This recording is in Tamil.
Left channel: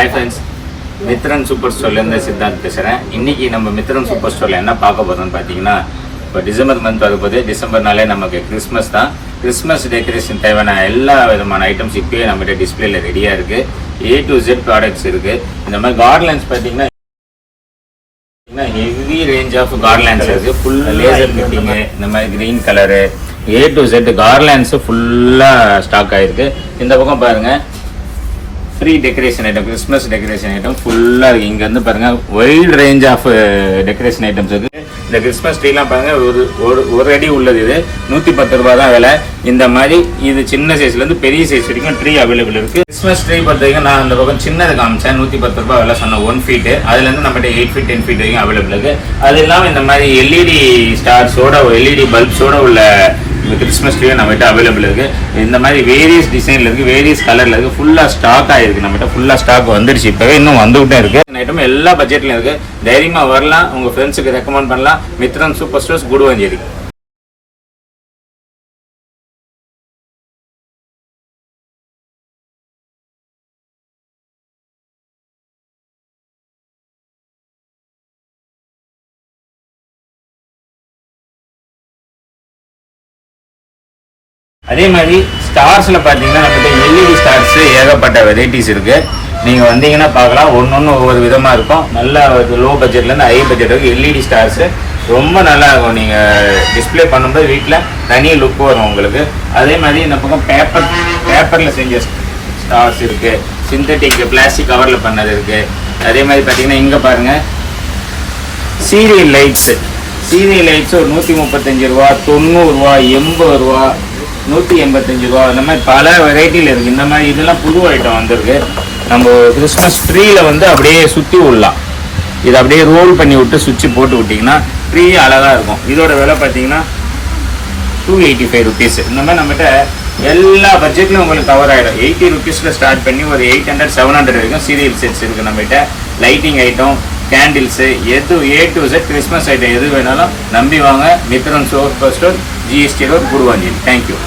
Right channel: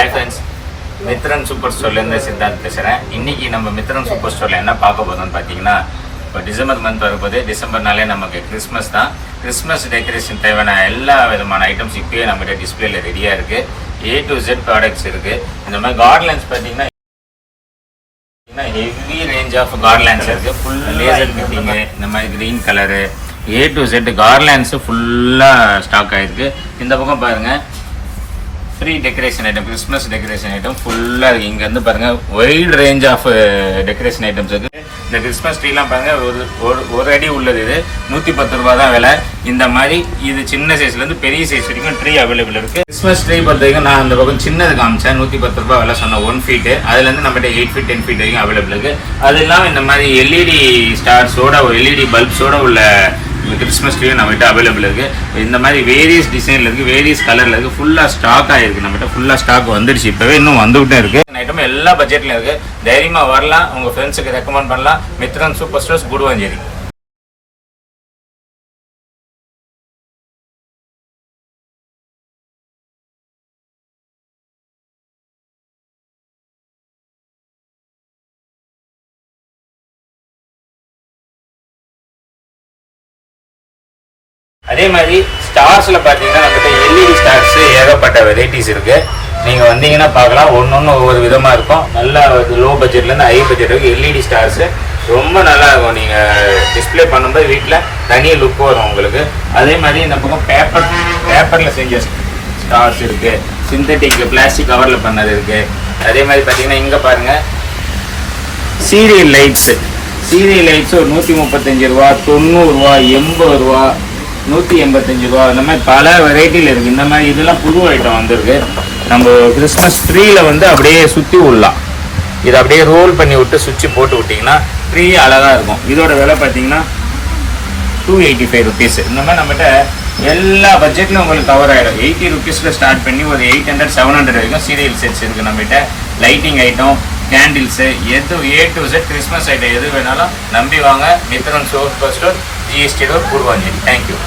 Hi friends, மித்ரன் சூப்பர் ஸ்டோர்ல இருந்து சித்தார்த் பேசுறேன். இன்னைக்கு நம்ம மித்ரன் சூப்பர் ஸ்டோர்ல என்ன பார்க்க போறோம்னு பாத்தீங்கன்னா, இப்போ டிசம்பர் மந்த் வரும்போது டிசம்பர்னாலே நமக்கு கிறிஸ்மஸ் தான். கிறிஸ்மஸ் டெக்கரேஷன் தேவையான எல்லா விதமான ஐட்டம்ஸ் இப்பயே நம்ம டிஸ்பிளேல ரெடியா இருக்கு. A to Z ப்ராடக்ட்ஸ் இருக்கு. இந்த மாதிரி கார்ட்லண்ட்ஸ் பாத்தீங்கன்னா ஹெவி ரேஞ்ச் ஆஃப் கார்ட்லண்ட்ஸ் இருக்கு. ஃபுல் லேசர் கட்டிங், இந்த மாதிரி green colour A to Z garlands ஃபுல்லா ஸ்டாக் ஆயிருக்கு. இந்த பக்கம் பாருங்க, free decoration item, Christmas decoration item ஃபுல்லா இருக்கு. இங்க இருந்து பாருங்க wide range of decoration items இருக்கு. இந்த கிறிஸ்மஸ் ட்ரீலாம் பாருங்க, ஒரு அடி உள்ளது. இது 110 ரூபாய் தான் விலை. இந்த மாதிரி இது சின்ன சைஸ்ல இருந்து பெரிய சைஸ் வரைக்கும் ட்ரீ அவைலபிள் இருக்கு. கிறிஸ்மஸ் ட்ரீ பொறுத்த வரைக்கும் நான் அந்த பக்கம் சின்னது காமிச்சேன், 110 ரூபாய் விலை சொன்ன 1 ஃபீட். அதுல இருந்து நம்ம 8 ஃபீட் 10 ஃபீட் வரைக்கும் அவைலபிள் இருக்கு. அது இல்லாம இந்த மாதிரி LED ஸ்டார்ஸோட LED பல்ப்ஸோட உள்ள கிறிஸ்மஸ் ட்ரீ நம்மகிட்ட அவைலபிள் இருக்கு. இந்த மாதிரி வேரியஸ் டிசைன்ல இருக்கு, வேரியஸ் கலர்ல இருக்கு. ஃபுல்லா ஸ்டாக் ஆயிருக்கு. நம்மகிட்ட ஃபுல்லா ஸ்டாக் வந்துருச்சு. இப்பவே இன்னும் வந்துகிட்டே இருக்கு. ஐட்டம் எல்லா பட்ஜெட்லயும் இருக்கு. தைரியமா வரலாம், உங்க ஃப்ரெண்ட்ஸுக்கு ரெக்கமெண்ட் பண்ணலாம். Mithran super stores, Guduvancheri. அதே மாதிரி ஸ்டார்ஸ்ல பாத்தீங்கன்னா நம்மகிட்ட LED ஸ்டார்ஸ் ஏகப்பட்ட வெரைட்டிஸ் இருக்கு. நீங்க வந்தீங்கன்னா பார்க்கலாம், ஒன்னொன்னு ஒவ்வொரு விதமா இருக்கும். நல்ல லோ பட்ஜெட்ல இருந்து ஹை பட்ஜெட் வரைக்கும் LED ஸ்டார்ஸ் ரொம்ப நல்லா இருக்கும். நீங்க டிஸ்பிளே பண்ணும்போது வீட்டுல தனி லுக் வரும் உங்களுக்கு. அதே மாதிரி இந்த பக்கம் பேப்பர்ல செஞ்ச ஸ்டார்ஸ் இருக்கு, சிந்தட்டிக் பிளாஸ்டிக் கவர்ல பண்ணது இருக்கு. அதே மாதிரி பாத்தீங்கன்னா இங்க பாருங்க சீரியல் லைட்ஸ் ஒரு 135 ரூபா, 90 ரூபா, 80 ரூபா, 185 ரூபா, இந்த மாதிரி பல வெரைட்டில இருக்கு. இந்த மாதிரி இதெல்லாம் புது ஐட்டம் வந்திருக்கு. நம்ம கிறிஸ்மஸ் ட்ரீல வந்து அப்படியே சுத்தி விடலாம். இதை அப்படியே ரோல் பண்ணி விட்டு சுவிட்ச் போட்டு விட்டீங்கன்னா ட்ரீ அழகா இருக்கும். இதோட விலை பாத்தீங்கன்னா 285 ருபீஸ். இந்த மாதிரி நம்மகிட்ட எல்லா பட்ஜெட்லயும் உங்களுக்கு கவர் ஆயிடும். 80 ருபீஸ்ல ஸ்டார்ட் பண்ணி ஒரு 800 700 வரைக்கும் சீரியல் செட்ஸ் இருக்கு நம்மகிட்ட. லைட்டிங் ஐட்டம், கேண்டில்ஸ், எது A to Z Christmas item எது வேணாலும் நம்பி வாங்க. Mithran super store, GST road, Guduvancheri. Thank you.